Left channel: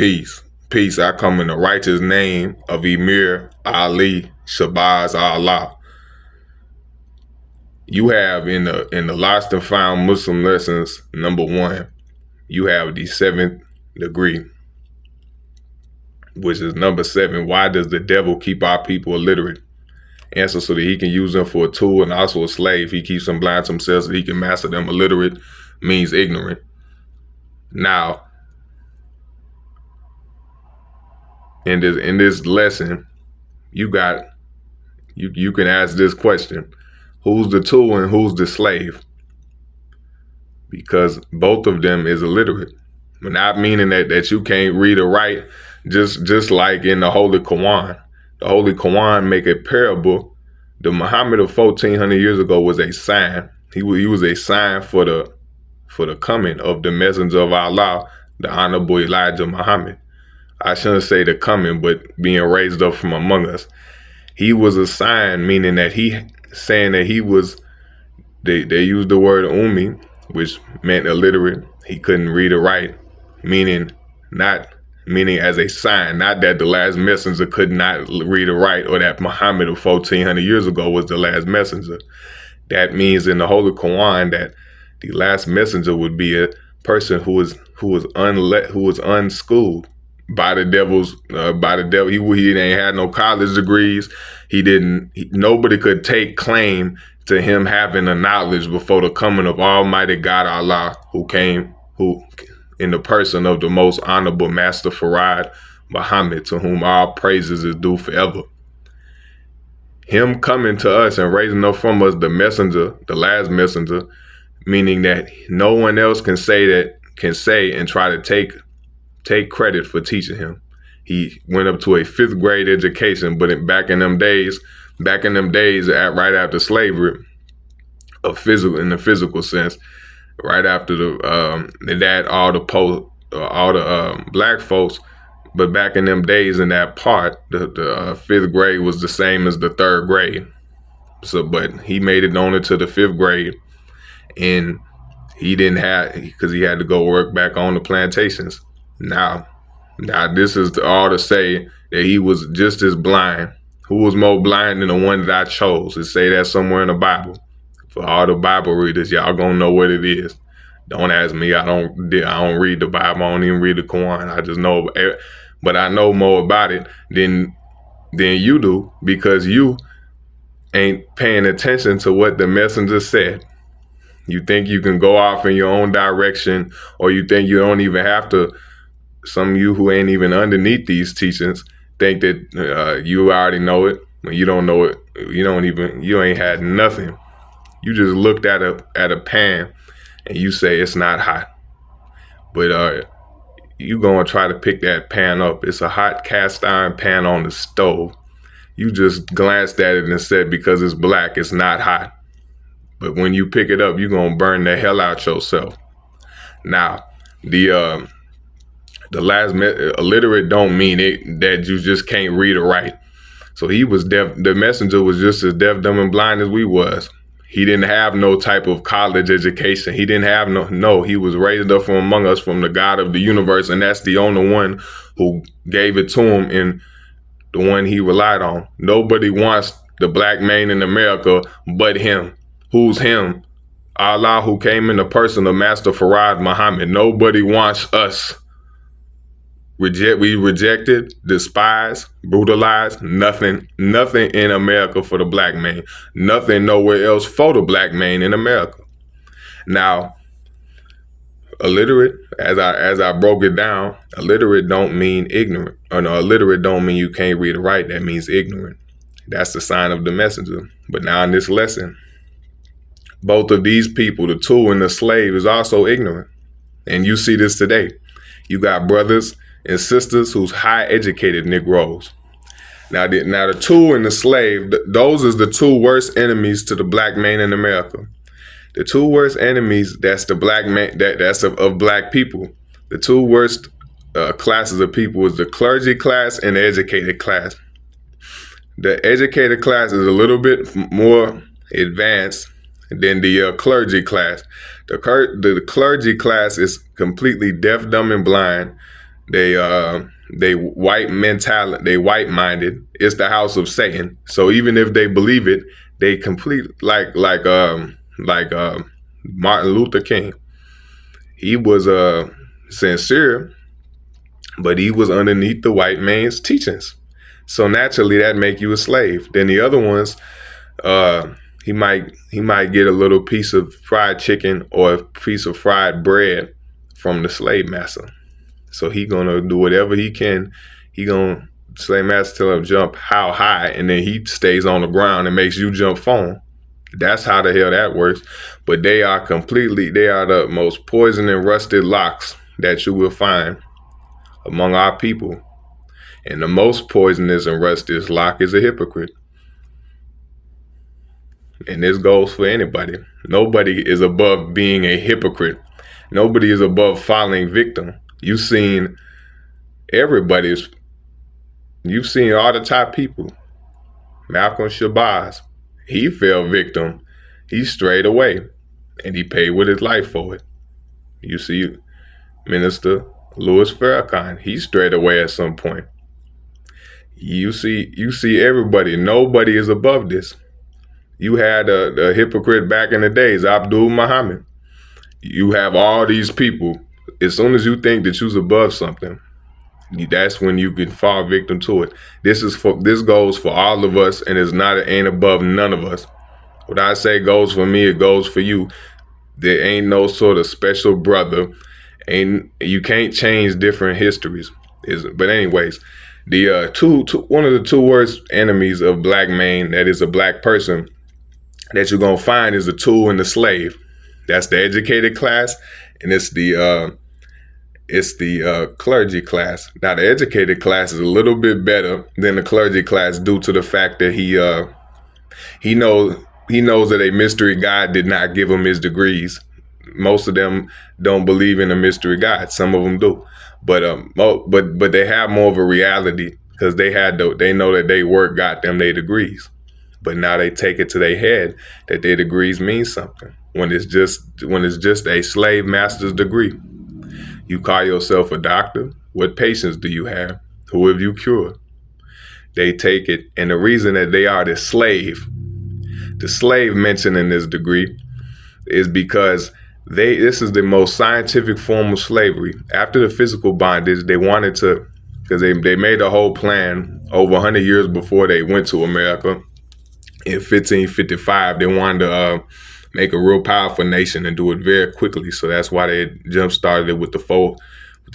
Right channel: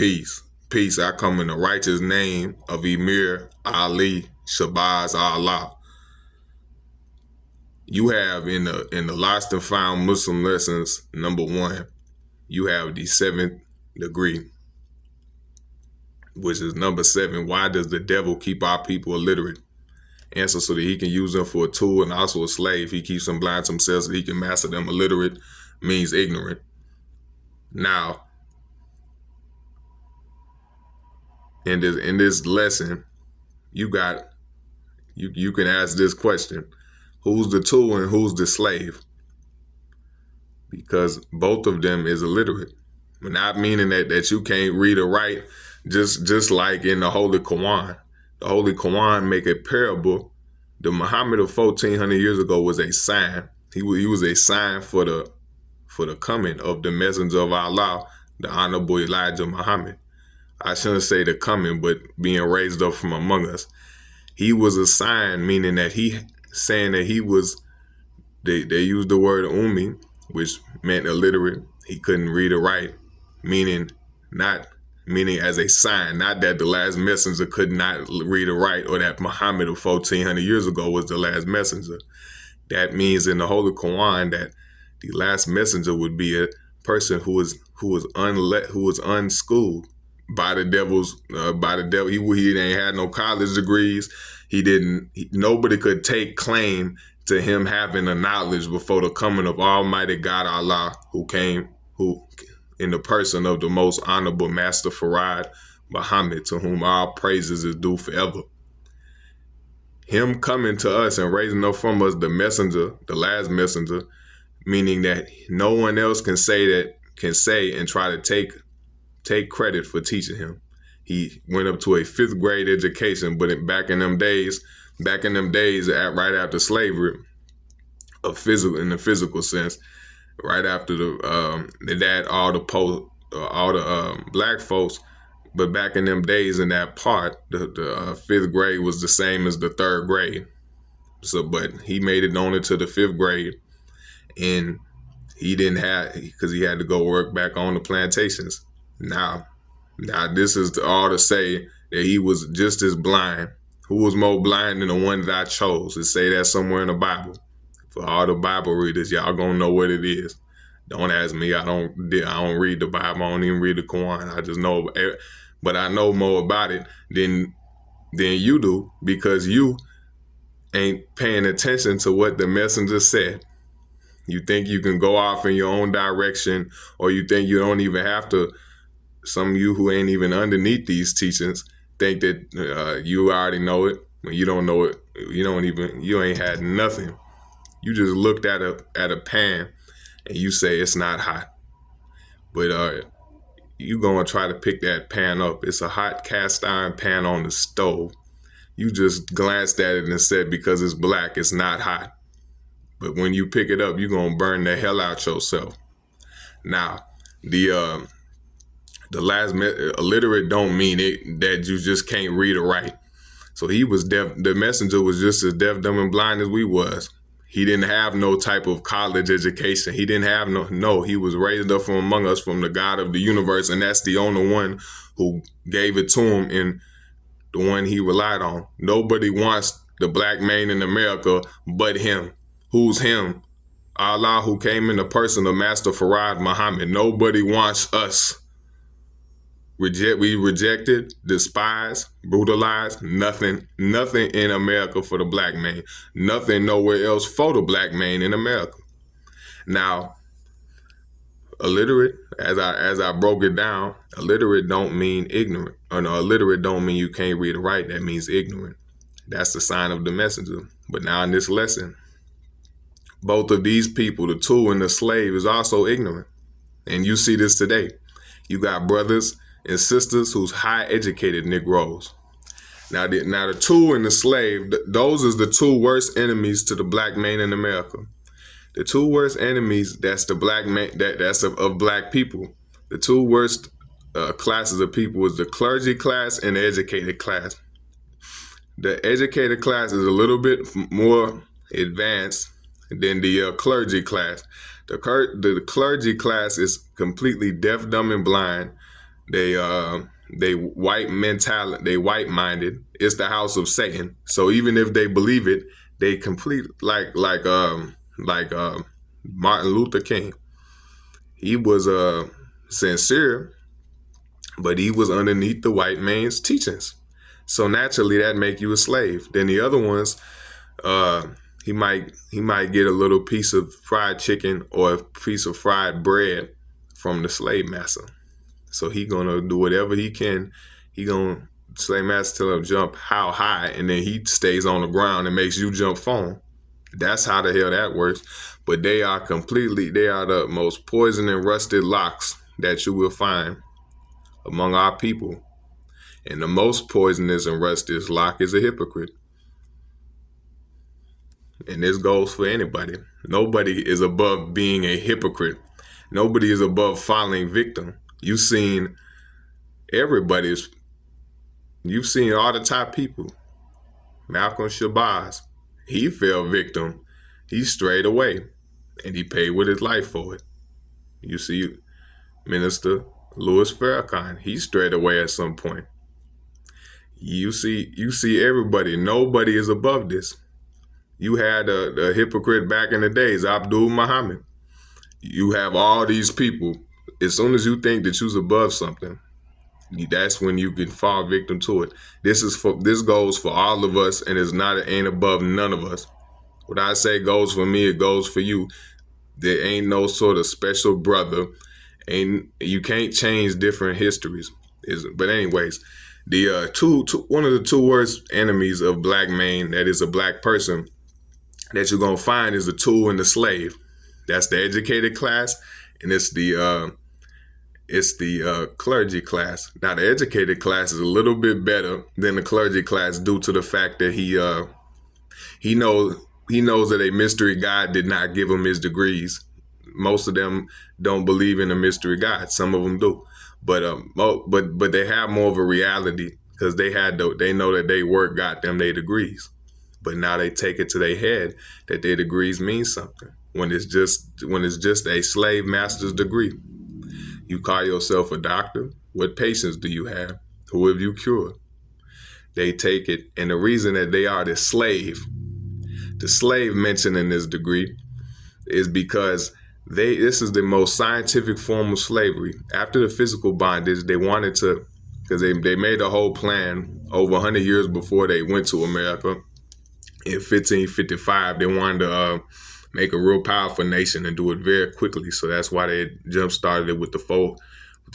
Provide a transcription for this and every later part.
Peace. Peace. I come in the righteous name of Emir Ali Shabazz Allah. You have in the Lost and Found Muslim lessons, number 1, you have the 7th degree, which is number 7. Why does the devil keep our people illiterate? Answer: so that he can use them for a tool and also a slave. He keeps them blind to himself so that he can master them. Illiterate means ignorant. Now, in this lesson, you can ask this question: who's the tool and who's the slave? Because both of them is illiterate. But not meaning that you can't read or write, just like in the Holy Quran. The Holy Quran make a parable. The Muhammad of 1400 years ago was a sign. He was a sign for the coming of the messenger of Allah, the Honorable Elijah Muhammad. I shouldn't say the coming, but being raised up from among us. He was a sign, meaning that saying that he was, they used the word ummi, which meant illiterate. He couldn't read or write, meaning as a sign, not that the last messenger could not read or write, or that Muhammad of 1400 years ago was the last messenger. That means in the Holy Quran that the last messenger would be a person who was unschooled by the devil. He didn't have no college degrees. Nobody could take claim to him having the knowledge before the coming of Almighty God Allah, who in the person of the most honorable Master Farad Muhammad, to whom all praises is due forever. Him coming to us and raising up from us the messenger, the last messenger, meaning that no one else can say and try to take credit for teaching him. He went up to a 5th grade education, but back in them days, right after slavery, in the physical sense, right after all the black folks, but back in them days, in that part, the 5th grade was the same as the 3rd grade. So, but he made it only to the 5th grade, and because he had to go work back on the plantations. Now this is all to say that he was just as blind. Who was more blind than the one that I chose? It say that somewhere in the Bible. For all the Bible readers, y'all gonna know what it is. Don't ask me. I don't read the Bible. I don't even read the Quran. I just know, but I know more about it than you do, because you ain't paying attention to what the messenger said. You think you can go off in your own direction, or you think you don't even have to. Some of you who ain't even underneath these teachings think that you already know it. When you don't know it, you ain't had nothing. You just looked at a pan and you say it's not hot. But you gonna try to pick that pan up. It's a hot cast iron pan on the stove. You just glanced at it and said because it's black, it's not hot. But when you pick it up, you're gonna burn the hell out yourself. Now, the last illiterate don't mean it that you just can't read or write. So he was deaf. The messenger was just as deaf, dumb, and blind as we was. He didn't have no type of college education. He didn't have no. He was raised up from among us, from the God of the universe, and that's the only one who gave it to him and the one he relied on. Nobody wants the black man in America but him. Who's him? Allah, who came in the person of Master Farad Muhammad. Nobody wants us. We rejected, despised, brutalized. Nothing in America for the black man. Nothing nowhere else for the black man in America. Now, illiterate, as I broke it down, illiterate don't mean ignorant. Or no, illiterate don't mean you can't read or write. That means ignorant. That's the sign of the messenger. But now in this lesson, both of these people, the tool and the slave, is also ignorant. And you see this today. You got brothers and sisters who's high educated Negroes. Now the tool and the slave, those is the two worst enemies to the black man in America. The two worst enemies, that's the black man, that's of black people. The two worst classes of people is the clergy class and the educated class. The educated class is a little bit more advanced than the clergy class. The clergy class is completely deaf, dumb, and blind. They white mentality, they white minded. It's the house of Satan. So even if they believe it, they complete like Martin Luther King. He was sincere, but he was underneath the white man's teachings. So naturally that make you a slave. Then the other ones, uh, he might get a little piece of fried chicken or a piece of fried bread from the slave master. So he gonna do whatever he can. He gonna slave master tell him jump how high, and then he stays on the ground and makes you jump phone. That's how the hell that works. But they are the most poison and rusted locks that you will find among our people. And the most poisonous and rusted lock is a hypocrite. And this goes for anybody. Nobody is above being a hypocrite. Nobody is above falling victim. You've seen all the top people. Malcolm Shabazz, he fell victim. He strayed away and he paid with his life for it. You see Minister Louis Farrakhan, he strayed away at some point. You see everybody. Nobody is above this. You had a hypocrite back in the days, Abdul Muhammad. You have all these people. As soon as you think that you're above something, that's when you can fall victim to it. This goes for all of us, and ain't above none of us. What I say goes for me, it goes for you. There ain't no sort of special brother, and you can't change different histories. But anyways, the one of the two worst enemies of black man, that is a black person, that you're gonna find is the tool and the slave. That's the educated class, and it's the clergy class. Now the educated class is a little bit better than the clergy class due to the fact that he knows that a mystery God did not give him his degrees. Most of them don't believe in a mystery God. Some of them do, but they have more of a reality because they know that they work got them their degrees. But now they take it to their head that their degrees mean something when it's just a slave master's degree. You call yourself a doctor. What patients do you have? Who have you cured? They take it, and the reason that they are the slave mentioned in this degree is because this is the most scientific form of slavery. After the physical bondage, they wanted to, because they made a whole plan over 100 years before they went to America. In 1555, they wanted to make a real powerful nation and do it very quickly. So that's why they jump started it with the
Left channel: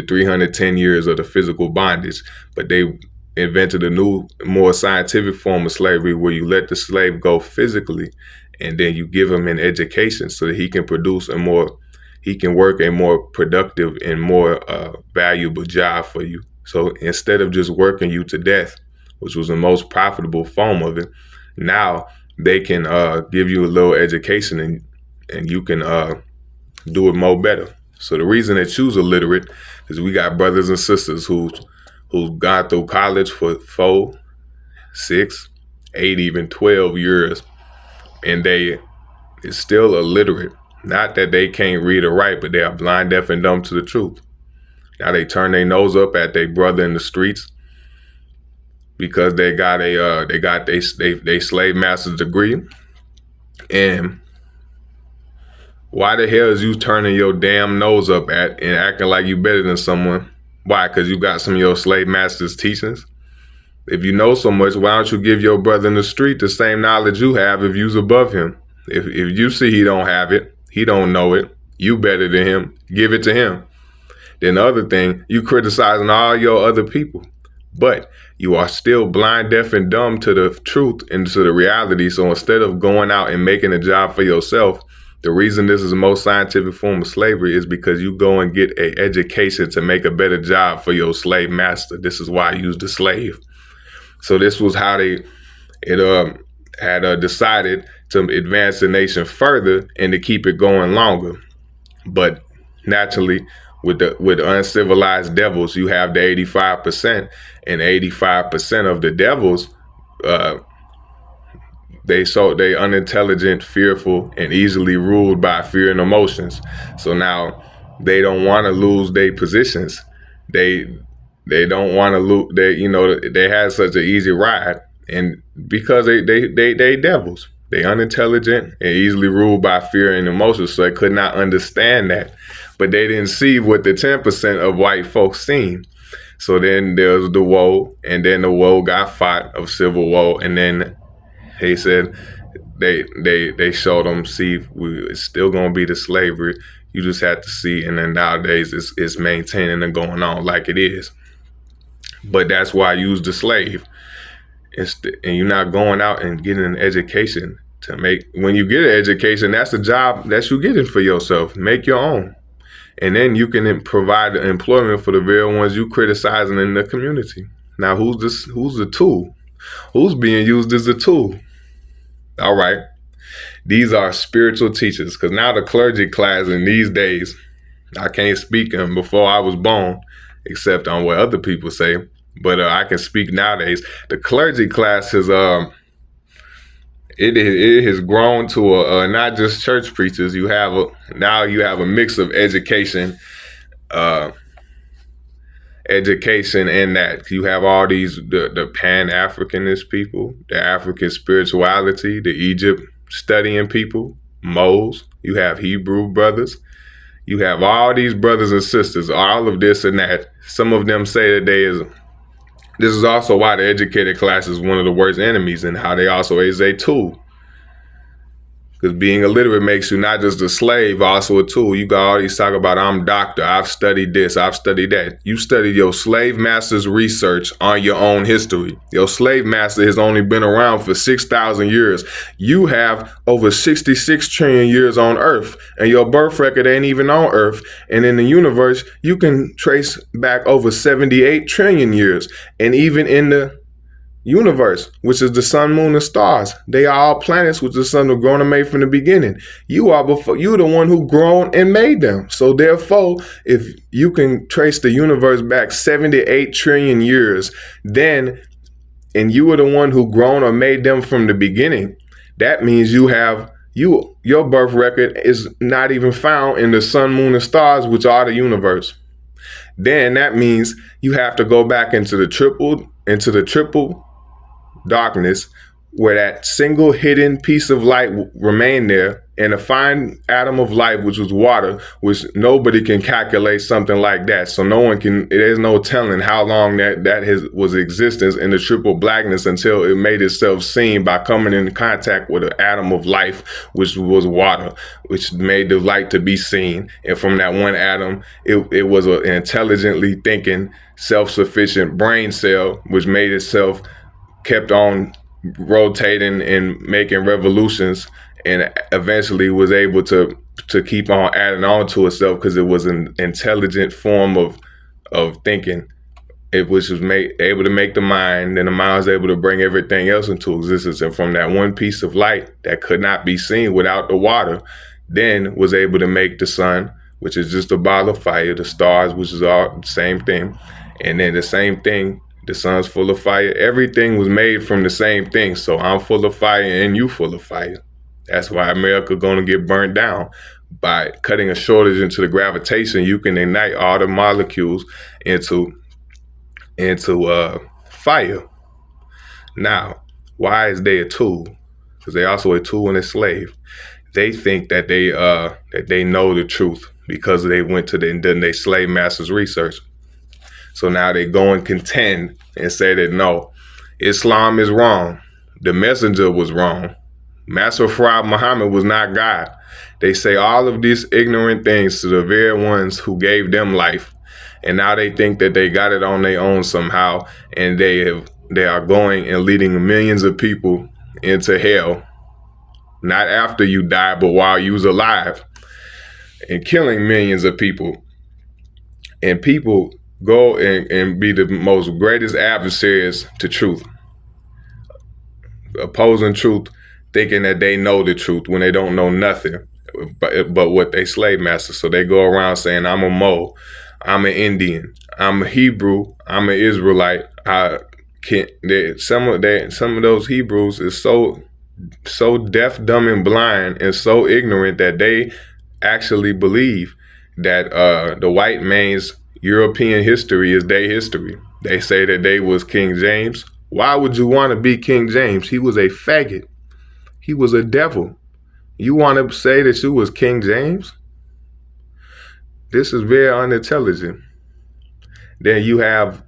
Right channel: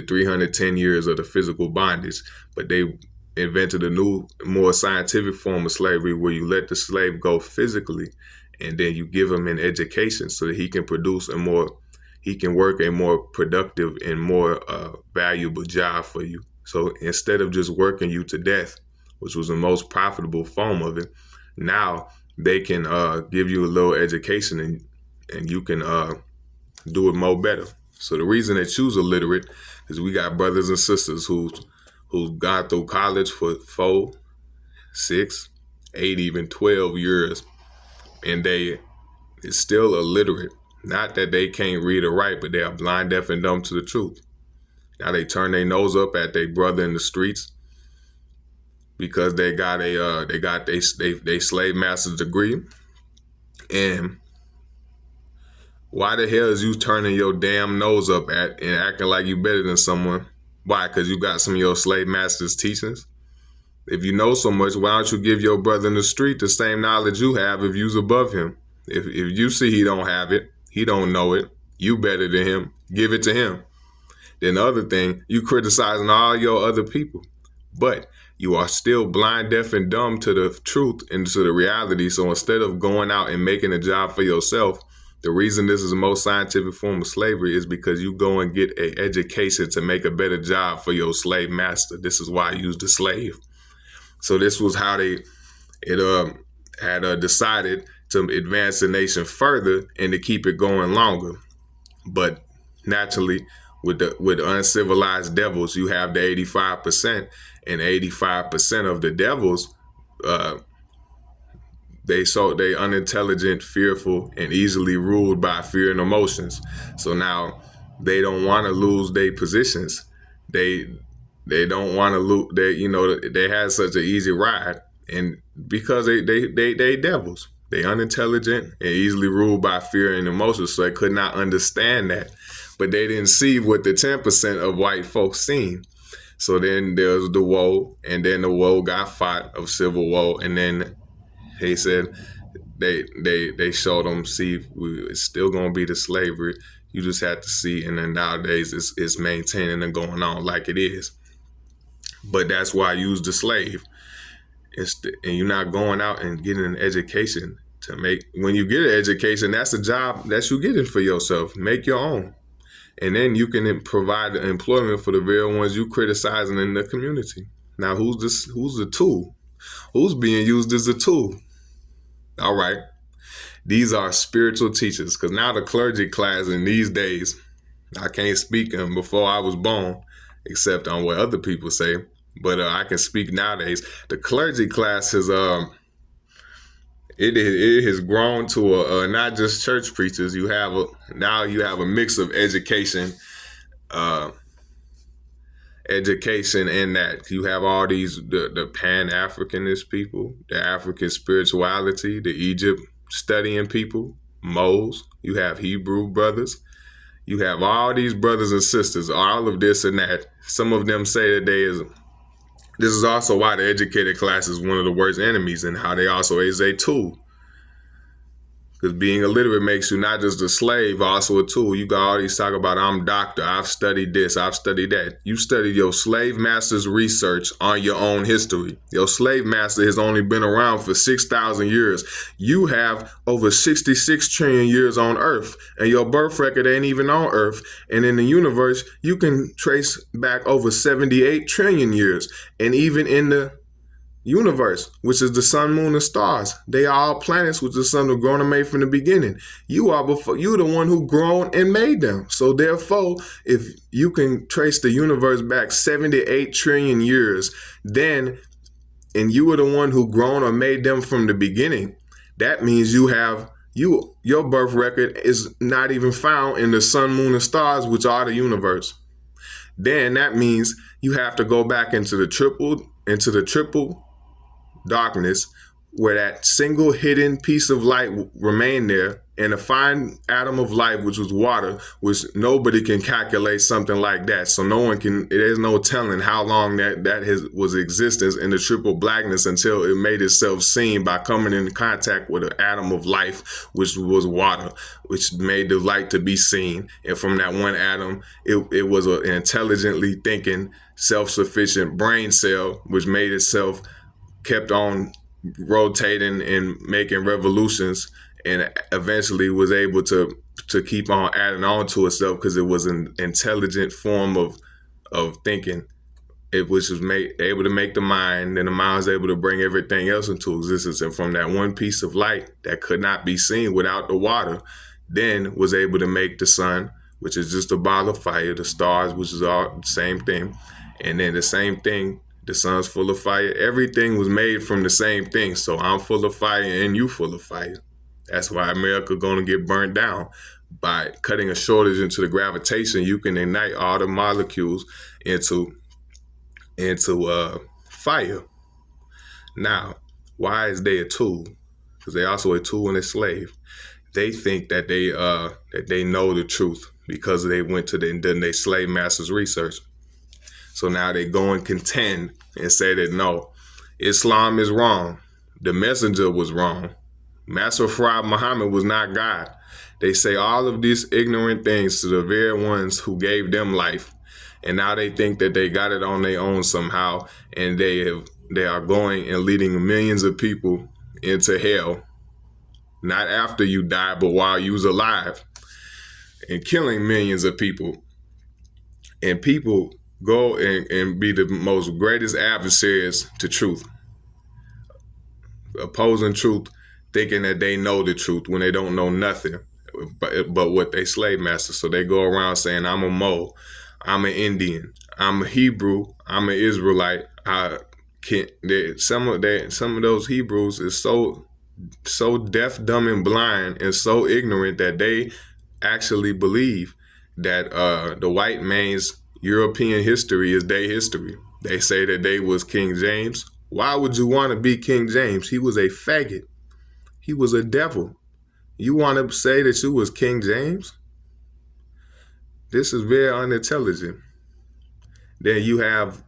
310 years of the physical bondage. But they invented a new, more scientific form of slavery where you let the slave go physically, and then you give him an education so that he can work a more productive and more valuable job for you. So instead of just working you to death, which was the most profitable form of it, now they can give you a little education and you can do it more better. So the reason they choose illiterate is we got brothers and sisters who've gone through college for 4, 6, 8, even 12 years, and they is still illiterate. Not that they can't read or write, but they are blind, deaf, and dumb to the truth. Now they turn their nose up at their brother in the streets because they got they slave master's degree. And why the hell is you turning your damn nose up at and acting like you better than someone? Why? Because you got some of your slave master's teachings? If you know so much, why don't you give your brother in the street the same knowledge you have if you's above him? If you see he don't have it, he don't know it, you better than him, give it to him. Then the other thing, you criticizing all your other people, but you are still blind, deaf, and dumb to the truth and to the reality. So instead of going out and making a job for yourself, the reason this is the most scientific form of slavery is because you go and get an education to make a better job for your slave master. This is why I used the slave. So this was how they had decided to advance the nation further and to keep it going longer. But naturally, with uncivilized devils, you have the 85%, and 85% of the devils, they unintelligent, fearful, and easily ruled by fear and emotions. So now they don't want to lose their positions. they they don't want to lose. They had such an easy ride, and because they devils. They unintelligent and easily ruled by fear and emotions, so they could not understand that. But they didn't see what the 10% of white folks seen. So then there was the woe, and then the woe got fought of civil war, and then he said they showed them, see, it's still gonna be the slavery. You just have to see, and then nowadays it's maintaining and going on like it is. But that's why I use the slave. And you're not going out and getting an education to make. When you get an education, that's a job that you're getting for yourself. Make your own, and then you can provide employment for the very ones you criticizing in the community. Now, who's this? Who's the tool? Who's being used as a tool? All right, these are spiritual teachers. Because now the clergy class in these days, I can't speak on before I was born, except on what other people say. But I can speak nowadays. The clergy class is it has grown to not just church preachers. Now you have a mix of education, in that you have all these the Pan-Africanist people, the African spirituality, the Egypt studying people, Moles. You have Hebrew brothers. You have all these brothers and sisters, all of this and that. Some of them say that this is also why the educated class is one of the worst enemies, and how they also is a tool. Because being illiterate makes you not just a slave, also a tool. You got all these talk about, I'm doctor, I've studied this, I've studied that. You studied your slave master's research on your own history. Your slave master has only been around for 6,000 years. You have over 66 trillion years on Earth, and your birth record ain't even on Earth. And in the universe, you can trace back over 78 trillion years. And even in the universe, which is the sun, moon, and stars, they are all planets which the sun was grown and made from the beginning. You're the one who grown and made them. So therefore, if you can trace the universe back 78 trillion years, and you were the one who grown or made them from the beginning, that means your birth record is not even found in the sun, moon, and stars, which are the universe. Then that means you have to go back into the triple darkness, where that single hidden piece of light remained there, and a fine atom of light, which was water, which nobody can calculate something like that. So there's no telling how long that was existence in the triple blackness until it made itself seen by coming in contact with an atom of life, which was water, which made the light to be seen. And from that one atom, it was an intelligently thinking, self-sufficient brain cell, which made itself kept on rotating and making revolutions, and eventually was able to keep on adding on to itself, because it was an intelligent form of thinking. It was just able to make the mind, and the mind was able to bring everything else into existence. And from that one piece of light that could not be seen without the water, then was able to make the sun, which is just a ball of fire, the stars, which is all the same thing, and then the same thing. The sun's full of fire. Everything was made from the same thing. So I'm full of fire and you full of fire. That's why America gonna get burnt down. By cutting a shortage into the gravitation, you can ignite all the molecules into fire. Now, why is they a tool? Because they also a tool and a slave. They think that they know the truth because they went to their slave master's research. So now they go and contend and say that no, Islam is wrong. The messenger was wrong. Master Farad Muhammad was not God. They say all of these ignorant things to the very ones who gave them life. And now they think that they got it on their own somehow. And they are going and leading millions of people into hell. Not after you die, but while you was alive. And killing millions of people. And people go and be the most greatest adversaries to truth. Opposing truth, thinking that they know the truth when they don't know nothing but what they slave masters. So they go around saying, I'm a Mo, I'm an Indian, I'm a Hebrew, I'm an Israelite. Some of those Hebrews is so deaf, dumb, and blind, and so ignorant that they actually believe that the white man's European history is their history. They say that they was King James. Why would you want to be King James? He was a faggot. He was a devil. You want to say that you was King James? This is very unintelligent. Then you have,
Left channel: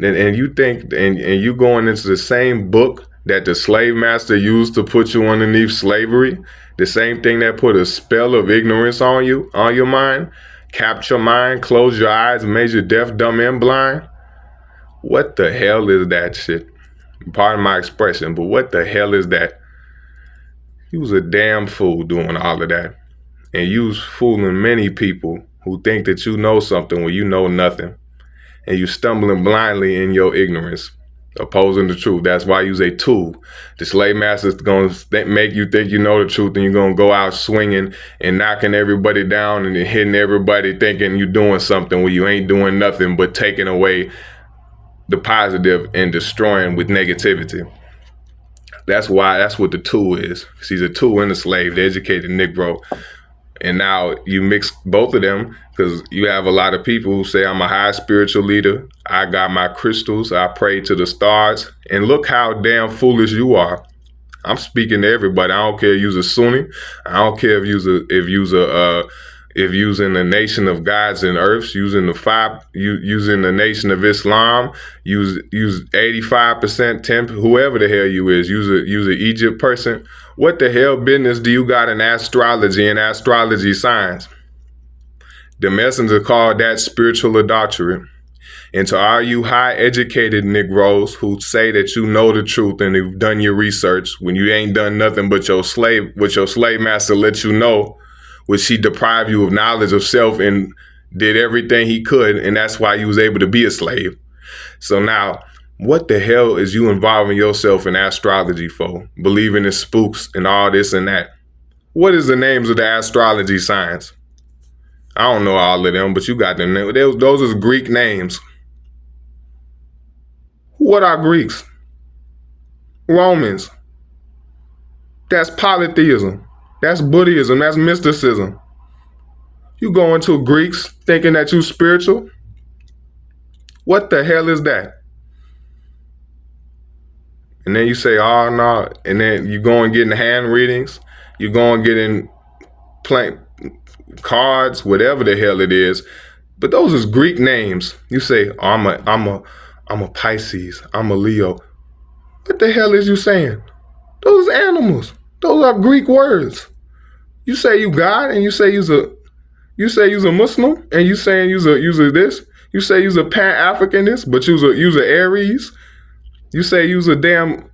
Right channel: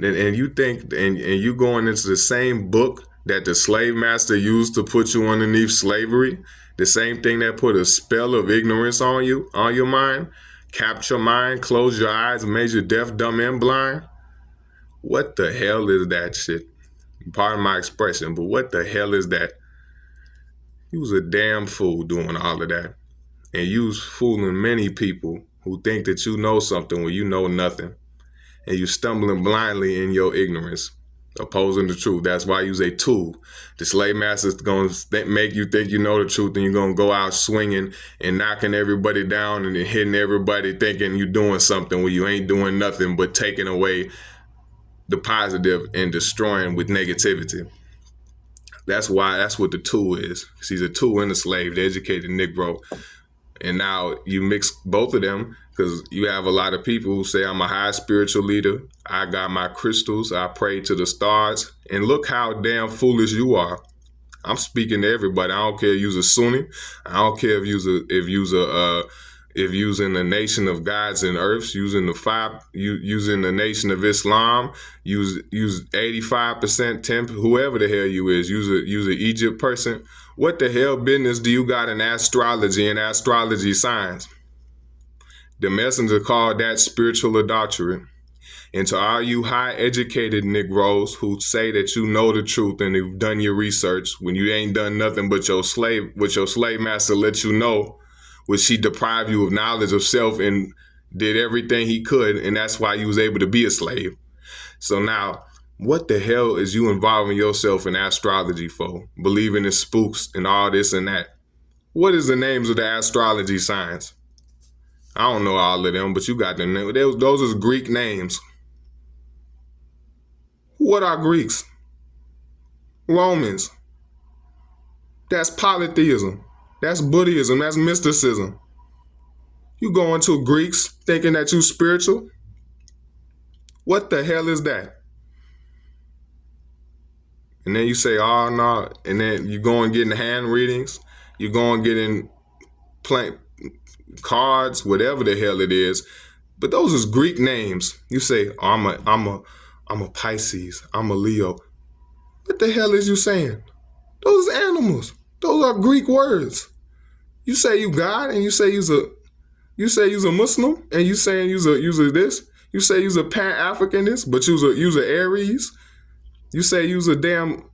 and you think, and you going into the same book that the slave master used to put you underneath slavery, the same thing that put a spell of ignorance on you, on your mind, capped your mind, closed your eyes, made you deaf, dumb, and blind. What the hell is that shit? Pardon my expression, but what the hell is that? You was a damn fool doing all of that. And you was fooling many people who think that you know something when you know nothing. And you stumbling blindly in your ignorance, opposing the truth. That's why you's a tool. The slave master's going to make you think you know the truth, and you're going to go out swinging and knocking everybody down and hitting everybody thinking you're doing something when you ain't doing nothing but taking away the positive and destroying with negativity. That's what the tool is. She's a tool and a slave, the educated Negro. And now you mix both of them because you have a lot of people who say, I'm a high spiritual leader. I got my crystals. I pray to the stars. And look how damn foolish you are. I'm speaking to everybody. I don't care if you're a Sunni. I don't care if you're in the nation of gods and earths, using the nation of Islam, use 85%, 10, whoever the hell you is, use a Egypt person. What the hell business do you got in astrology and astrology science? The messenger called that spiritual adultery. And to all you high educated Negroes who say that you know the truth and you've done your research when you ain't done nothing but your slave master let you know, which he deprived you of knowledge of self and did everything he could, and that's why you was able to be a slave. So now, what the hell is you involving yourself in astrology for? Believing in spooks and all this and that. What is the names of the astrology signs? I don't know all of them, but you got them. Those are Greek names. What are Greeks? Romans. That's polytheism. That's Buddhism. That's mysticism. You go into Greeks thinking that you spiritual? What the hell is that? And then you say, oh, no. And then you go and get in hand readings. You go and get in playing cards, whatever the hell it is. But those is Greek names. You say, oh, I'm a Pisces. I'm a Leo. What the hell is you saying? Those are animals. Those are Greek words. You say you God, and you say you's a Muslim, and you saying you's a this. You say you's a Pan-Africanist, but you's a Aries. You say you's a damn.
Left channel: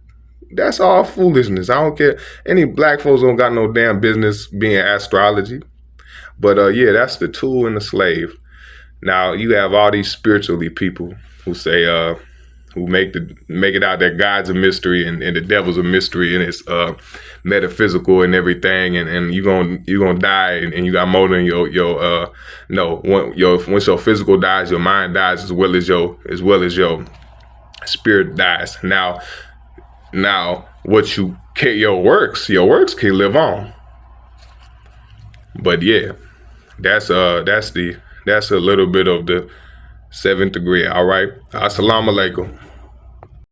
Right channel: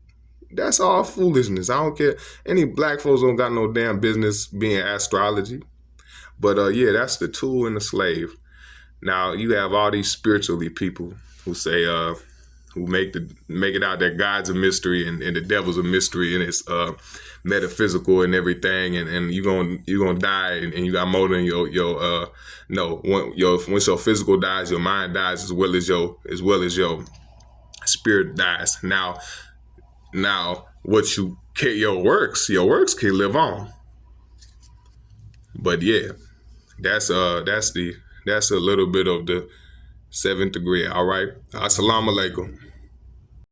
That's all foolishness. I don't care. Any black folks don't got no damn business being astrology. But yeah, that's the tool and the slave. Now you have all these spiritually people who say who make it out that God's a mystery and the devil's a mystery and it's metaphysical and everything, and you're gonna die and you got more than once your physical dies, your mind dies as well as your spirit dies. Now what you can, your works can live on. But yeah, that's a little bit of the seventh degree. All right. Assalamu alaikum.